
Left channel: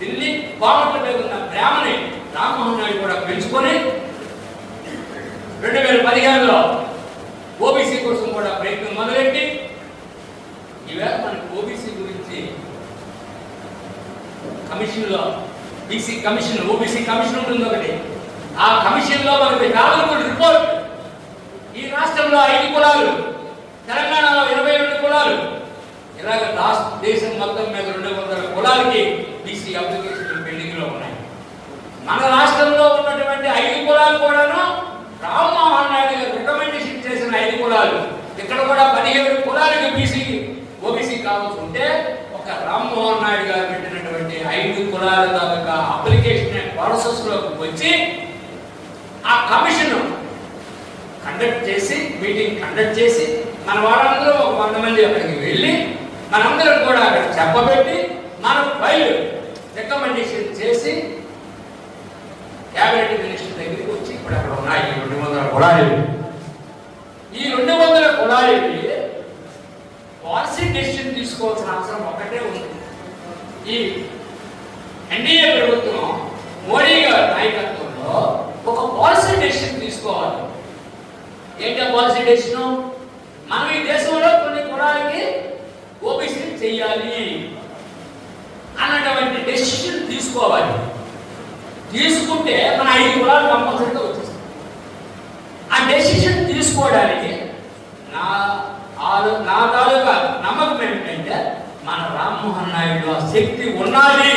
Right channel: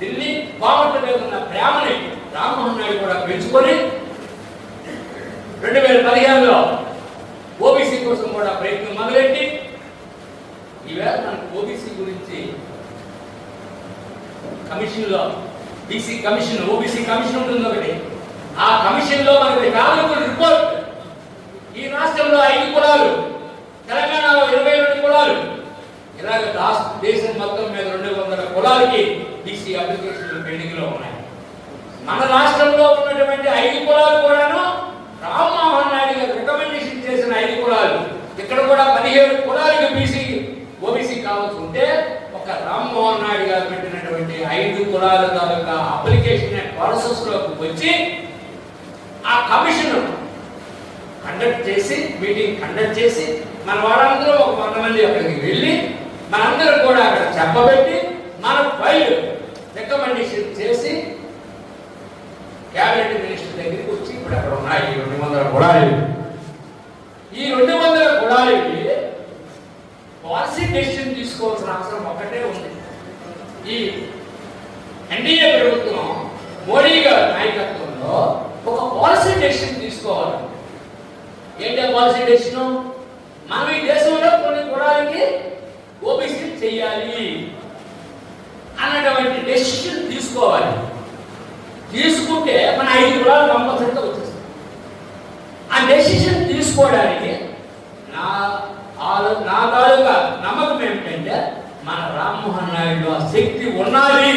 ఢిల్లీ కోమట్ల మీద ఉన్న ప్రేమని రామ్మోహన్ నాయుడు కూడా పెంచుకొని 2015లో ఓబీసీ కోసం కూడా ప్రయత్నం మొదలెట్టి ఈవేళ మనకి ఓబీసీ గురించి కమిషన్ లో బీసీ కమిషన్, ఓబీసీ కమిషన్ ఉంటుంది ఒకటి. ఆ కమిషన్ లో మనకి కావాల్సిన రిపోర్ట్ ఈ రాష్ట్రంలో 5 కులాలు, తెలంగాణలో 22 కులాలు, ఇలాగ దేశం మొత్తం మీద 200 కులాలకి బీసీ అప్లికేషన్ పెండింగ్ లో ఉన్నాయి. మన రాష్ట్రంలో ఉన్నటువంటి 5 కులాలు కూడాను రామ్మోహన్ నాయుడు గారు రికమెండేషన్ చేసిన 5 కులాలు. ఇక్కడ కూడా 17 కులాలకి బీసీ ఓబీసీ కావాల్సి ఉంటే ఒక రామ్మోహన్ నాయుడు గారు పెట్టినటువంటి 5 కులాల తాలూకా అప్లికేషన్ ప్రాసెస్ లోకి వచ్చి ఆ కమిషన్ కండక్ట్ చేసి మీటింగ్ కండక్ట్ చేసి మన వాళ్ళందరూ ఒక 100 మంది అక్కడికి వెళ్ళి మనందరం కూడా అక్కడ చెప్పబెట్టి మన ఫైల్ రికమెండేషన్ చేసి క్యాబినెట్ మినిస్టర్ దగ్గరికి వచ్చి ఇప్పుడు అక్కడ ఉన్నాయి 200 కులాలు. ఈ 200 కులాలకి పాలసీ డెసిషన్ తీసుకోవాల్సిన అవసరం ఒకటే ఉంది. ఈ ఎన్డీఏ ప్రభుత్వం మోడీ గారి నాయకత్వంలో ఒక పాలసీ డెసిషన్ తీసుకోవాలి. ఏంటి ఆ పాలసీ డెసిషన్? మనం ఈ దేశంలో కొన్ని కులాలకి ఓబీసీ చెయ్యాలి అన్నటువంటి డెసిషన్ తీసుకోవాలి. తీసుకుంటే మన 5 కులాలు కంపల్సరీగా వచ్చేస్తాయి. ఆ డెసిషన్ తీసుకోవడానికి నా తాలూకా నమ్మకం ఏమిటంటే మన రామ్మోహన్ నాయుడు శక్తి ఉన్నది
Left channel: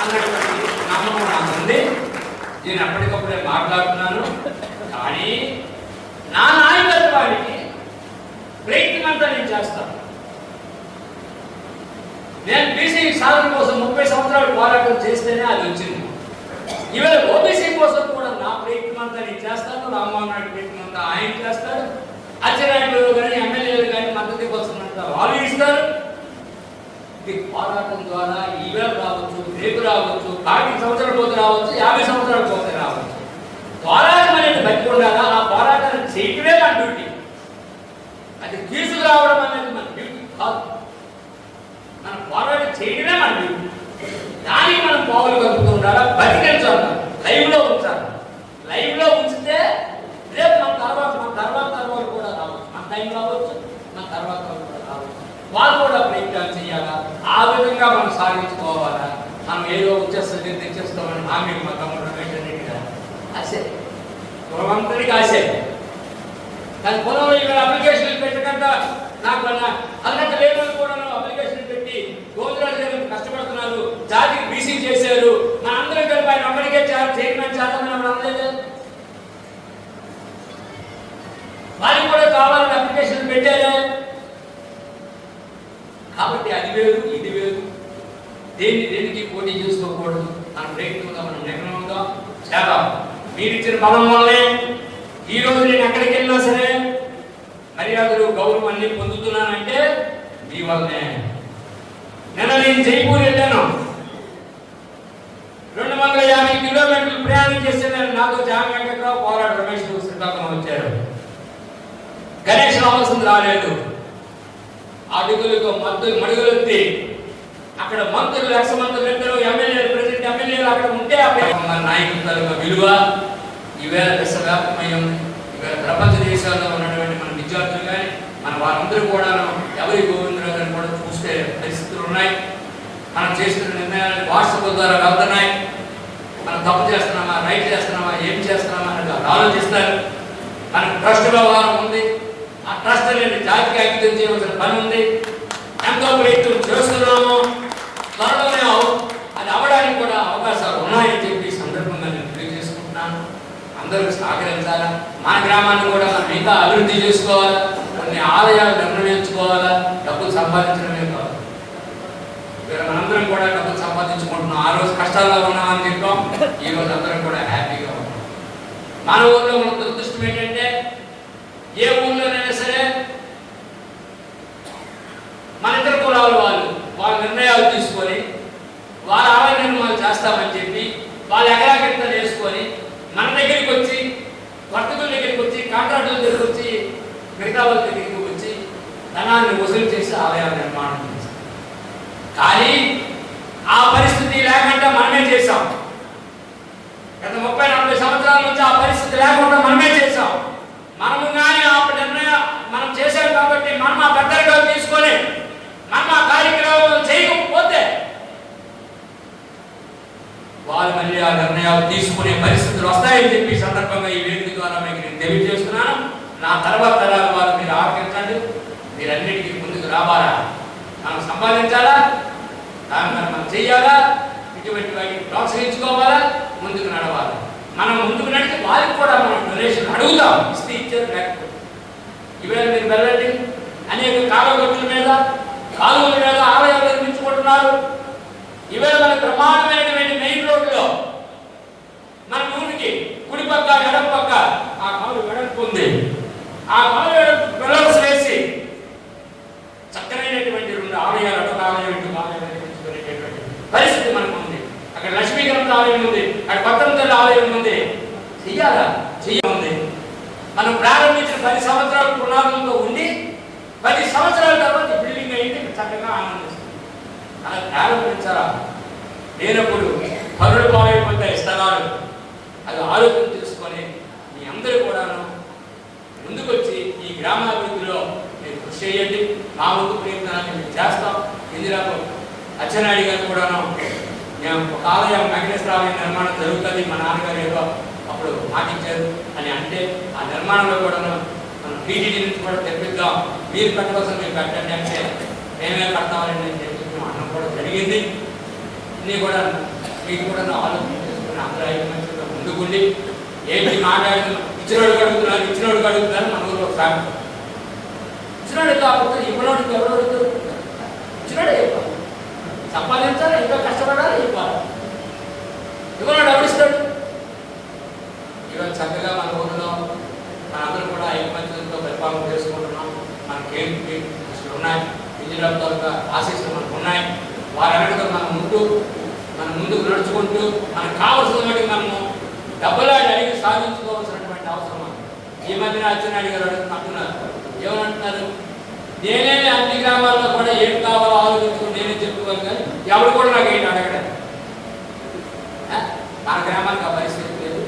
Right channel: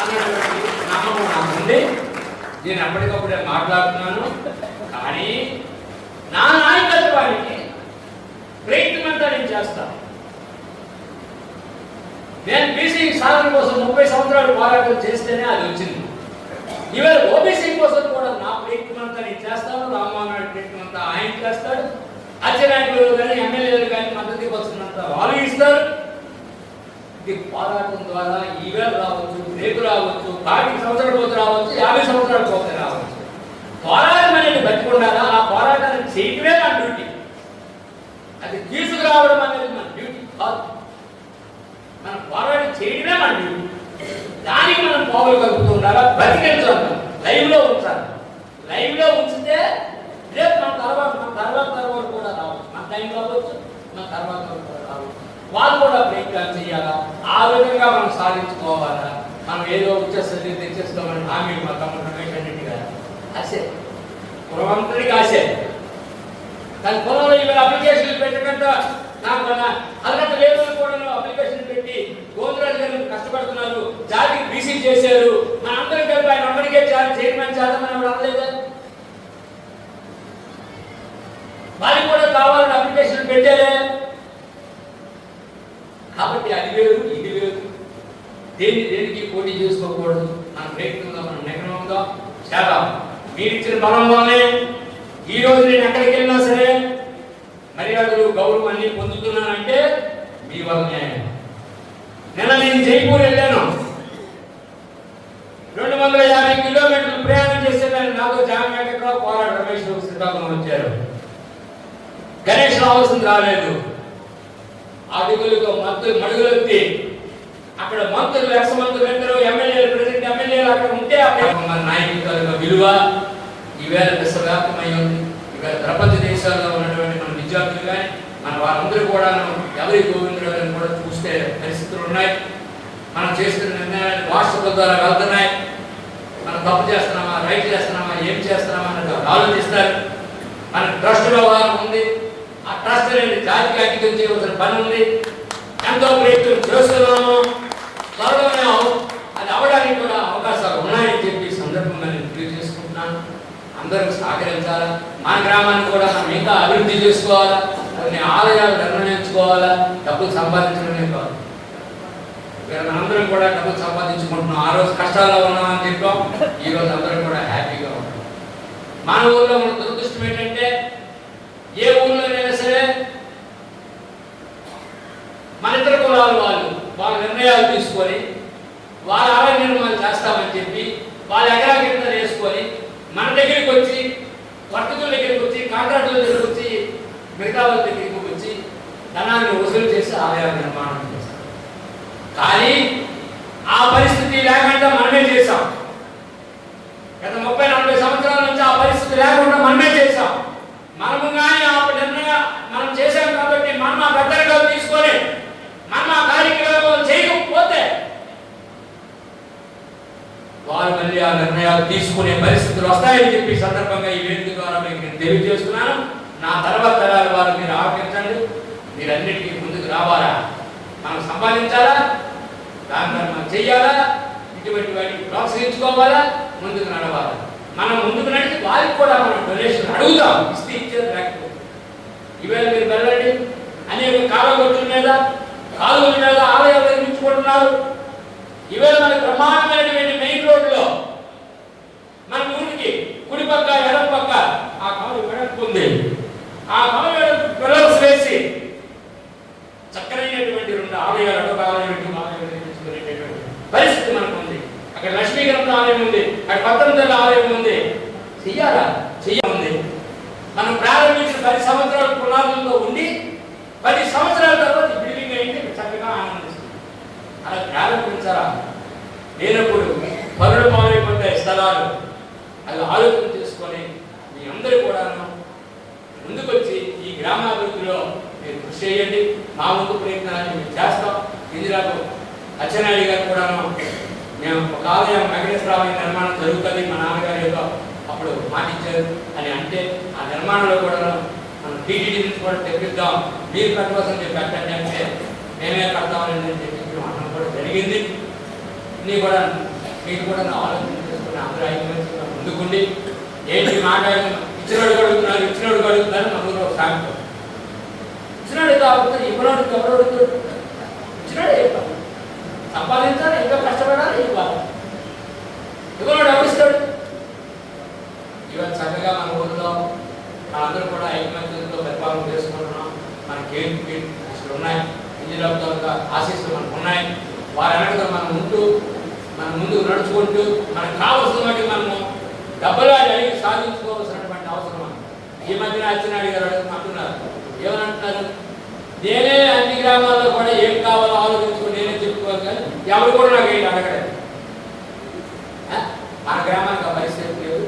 అన్నటువంటి నమ్మకం నాకు ఉంది. నేను అప్పటికప్పుడే మాట్లాడుతున్నాను. కానీ నా నాయకత్వానికి ప్రయత్నంతా నేను చేస్తాను. నేను బీసీ సాధన కోసం 30 సంవత్సరాలు పోరాటం చేస్తేనే అది వచ్చింది. ఇవాళ ఓబీసీ కోసం కూడా నా ప్రయత్నం అంతా నేను చేస్తాను. రామ్మోహన్ నాయుడు ప్రయత్నం అంతా ఆయన చేస్తాడు. అచ్చెన్నాయుడు కానీ ఎమ్మెల్యేలు కానీ మద్దతు కోసం అంతా వాళ్ళు ఇస్తారు. ఇది పోరాటం ద్వారా ఈవేళ రావచ్చు, రేపు రావచ్చు, 40 సంవత్సరాల పోతే రావచ్చు, 50 సంవత్సరాల పోతే రావచ్చు. పోరాటం అనేది బతికుండాలా ఆ పోరాటాన్ని చేయటమే నా డ్యూటీ. అది తీసుకురావడం అనేది మన డ్యూటీ కాదు. మన పోరాటం చేయడమే నా డ్యూటీ. దానికి మనం పావులు కలుపుతూ ఉండాలా, బతికించాలి, లైవ్ లో ఉంచాలి. లైవ్ లో ఉంచితే వాళ్ళు కూడా ప్రయత్నాలు చేయాలా, ఆ విధంగా మనం సాధించుకోవాలా. మనం ఏదో వచ్చేస్తుంది తెచ్చేస్తామని హామీ మా తమ్ముడు రమేష్ రెడ్డి గారు ఆశే, కులమంతరికి ఆశే. కానీ పొలంలో ఇవాళ అప్లికేషన్లు పెట్టకుండా నాకు అదనంత లేబర్ కూడా అప్లికేషన్ పెట్టి గోవిందరాజు గారిని కష్టపడుతున్నారు, జాతికి బీసీ చేశారు, మన అందరం కలిపి ఆయన అమెరికా చైర్మన్ చేద్దామని అనలేదు. వారికి కూడా కావాలని అప్లికేషన్ పెట్టారే. కాబట్టి అది వేరు ఇది వేరు, దేనికి పోటీ చేసుకోకూడదు. మన ప్రయత్నంగా మనం నిర్ణయంగా చేద్దాం. మీరిచ్చిన బలం వల్లనే ఈ రోజు నేను ఎక్కడికి వెళ్ళినా సరే మర్యాదలు గౌరవం అన్ని పొందుతున్నానంటే మీ వల్లనే. నిన్న నేను జైపూర్ వెళ్ళాను, 250 కిలోమీటర్లు ప్రయాణం చేసేదాన్ని. నాతో జాన్ వెంకట్రావు, పోరాడు రమేష్ శ్రీకాకుళం వచ్చారు. గణేష్ రావాల్సింది రాలేదు. అడుగులతో మడుగులెత్తి అక్కడ మంత్రులు, ఎక్స్ మంత్రులు ఇద్దరు ఎమ్మెల్యేలు, ప్రెసిడెంట్ ఎమ్మెల్యేలు అక్కడ ఉంటే నాయకుల విలువ ఈవేళ విశ్వవ్యాప్తమై ఉంది. ఇవాళ ప్రపంచ దేశాల్లో ఉన్నటువంటి మన విద్యార్థులు కానీ మన వారందరూ కూడా ఎవరి గోవిందరావు గారిని కూడా చూస్తే పరిస్థితులు ఉన్నాయి. మనం చేస్తున్న నిర్ణయాలు వాట్సాప్ ద్వారా వెళ్తున్నాయి. మనం తప్పు చేస్తున్నామా, రైట్ చేస్తున్నామా, ఏం చేస్తున్నామా అనేది ఆలోచిస్తారు. మనకు ట్రస్ట్ వ్యవహారం ఉంది. ఆ ట్రస్ట్ అనేది జాతికి అంకితం చేయవలసిన పని ఉంది. ఎంతో ప్రయత్నం చేస్తున్నాము. త్వరలోనే అది అవడానికి కూడా అవకాశాలు ఉన్నాయని చెప్పి సందర్భంగా నేను తెలియజేసుకుంటున్నాను. అందరూ సహకరించాలా. మన గ్రామాన్ని కూడా మనం ఇంకా అభివృద్ధి చేసుకోవాలా. కొన్ని ఆలయాలు నిర్ణయించుకోవాలా. డబ్బులు సంపాదించడమే కాదు, ఇక్కడ మనందరం కూడా డబ్బులు సంపాదించుకుంటున్నాం. ఆ రోజు కష్టాల్లో ఉన్నామని చెప్పాం, ఈ రోజు అందరం కూడా హ్యాపీగా ఉన్నాం. మన ఊళ్ళో మన దురదృష్టం ఏంటంటే ఏ ఊళ్ళోనైనా సరే మన ఇతర కులాల వాళ్ళ నిర్ణయాలు తీసుకొని వాళ్ళ ఆలయ నిర్మాణాలు చేస్తామని చెప్పి వాళ్ళ ఎకరాకింత వేసుకొని మన దగ్గరికి వచ్చి, వర్తకుల దగ్గరికి వచ్చి, కాంట్రాక్టుల దగ్గరికి వచ్చి, మిగతా వాళ్ళ దగ్గరికి వచ్చి ధనాన్ని వసూలు చేసి ఆలయాల నిర్మాణం చేస్తాం. కానీ ఆ పరిస్థితి లేకుండా మనమే చేశాం. గత 30-40 సంవత్సరాల నుంచి ఆ పరిస్థితి లేకుండా మనమే చేశాం. మనము కానీ ఆ నిర్ణయం మనం చేశాం కాబట్టి మనం ఆ భద్రతగా తీసుకొని మనం ఆ కార్యక్రమాలు చేయకపోతే వారు మళ్ళీ ఆ నిర్ణయాలు తీసుకునే పరిస్థితులు వస్తాయని చెప్పి సందర్భంగా ఈ వేదిక ద్వారా మీకు నేను తెలియజేస్తున్నాను. నా తర్వాత తరాల వారు మీరు ఆహ్వానించండి. మీరన్నిటికీ ముందుకు రావాలా, మనం సంపాదించాలా, దాని మనం చెయ్యాలా, ఇటువంటి వాటికి ప్రోత్సహించుకోవాలా, ముందుకు నడవాలా. మనం ముందుకు నడిచి వారికి కూడా మనం డొనేషన్ అడుగుదాం. ఇస్తే ఇచ్చారు, లేకపోతే ఈవేళ మీరు వెళ్ళండి, అనేక కాలగొట్టుల మీద, కాలువల మీద ఆలయాలు నిర్మించుకుంటున్నారు. ఈవేళ మన బ్రహ్మాండమైనటువంటి మెయిన్ రోడ్డులో మన ఊరికి కుడి పక్క ఎడం పక్క ఆ కాలు వెడల్పు ఉంది. ఆ కాలు వెడల్పు పిల్లర్స్ వేసి చక్కనైనటువంటి 2 ఆలయాలు, అటు ఆలయం నిర్మించుకునేటటువంటి పరిస్థితి మనకు ఉంది. అక్కడ లక్ష్మీగ్రంథ ఆలయం ఉంది, అక్కడ పట్టణం ఆలయం ఉంది. చెయ్యాలి. మనం ప్రారంభించిన 10 సంవత్సరాల పునాదులతో ఉండి 10 సంవత్సరాల తర్వాత బిల్డింగ్ అయింది, చక్కగా ఆనందిస్తుంది. అలా ప్రారంభించాలా. లేనప్పుడు పరులు పాలైపోతాయి స్థలాలు. అది ఆలోచన చేసుకొని మీ అందరూ కూడా ముందుకొచ్చి ఈ గ్రామాభివృద్ధిలో మీరు కృషి చేయండి. మా ముందు ప్రయత్నాన్ని మేము చేస్తాం. ఇందిరాకు అచ్చెన్నాయుడు గారు కూడా మేము ఒక ఆలయం, వెంకటేశ్వర ఆలయం నిర్మాణం జరుగుతుంది, మా నాన్నగారు ఏదో అప్పుడు మాటించారు అని అంటే ఆ నిర్మాణంలో కూడా మనం టీటీడీ నుంచి కూడా తెప్పిద్దాం, మీరు పెట్టవలసిన మేము పెట్టండి అంటే మేమే కడతామని చెప్పి అనడం కూడా జరిగింది. ఇన్ని కూడా మీకు కూడా ఆలోచన చేసుకుని అందరూ 5 మంది ముందుకుండి ఏంటి మాట్లాడుతున్నాం. ఇచ్చినోడు అడుగుతున్నారు మన ఊళ్ళో సాగుతాం. ఇచ్చినోడు కాకపోతే ఇవ్వనోడికి ఎవరు అడుగుతారు? ఇచ్చినోడే చెప్పాలి. సంపాదించాలి, ఇంకా కష్టపడాలి, ఇవ్వాలి. ఇవ్వనోడు ఎవరిస్తాడు? ఇవాళ చక్కగా మన ఊళ్ళో అందరూ కూడా ఐకమత్యంతో పరిపాలన చేసుకుంటున్నాం. మనకి ఏంటి అసలు ఉన్నాయి, ఇంజినీర్లతో ఆశీస్సులు మనకు ఉన్నాయి. వారనగా మనం ముందుకు నడుచుకుంటూ మనకు కావలసిన వాటి మనము డబ్బులు అడిగి సాధించుకోవాల్సినటువంటి అవసరం. ఈ మధ్యన అచ్చెన్నాయుడు గారు అంటున్నారు, ఏమంటున్నారు, నేనే అన్ని గ్రామాల్లో కూడా ఏం కావాలో ఆలోచించుకుని నేనే చెప్పుకోవాలి, కానీ ఎవరు కూడా నాకు ఏంటి అడగడం. మన గ్రామానికి ఆ పరిస్థితి లేదు.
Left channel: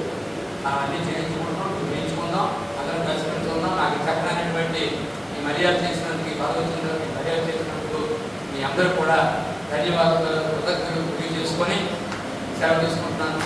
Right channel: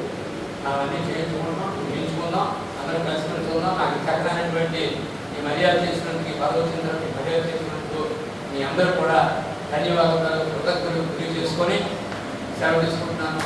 మనం అన్ని చేయించుకుందాం, అందరం కలిసి ఉంచుకుందాం. నాకు చక్కనైనటువంటి ఈ మర్యాద చేసినందుకు, ఈ పదవి వచ్చినందుకు మర్యాద చేసినందుకు మీ అందరూ కూడా ధన్యవాదాలు కృతజ్ఞతలు తెలియజేసుకొని సెలవు తీసుకుంటున్నాను.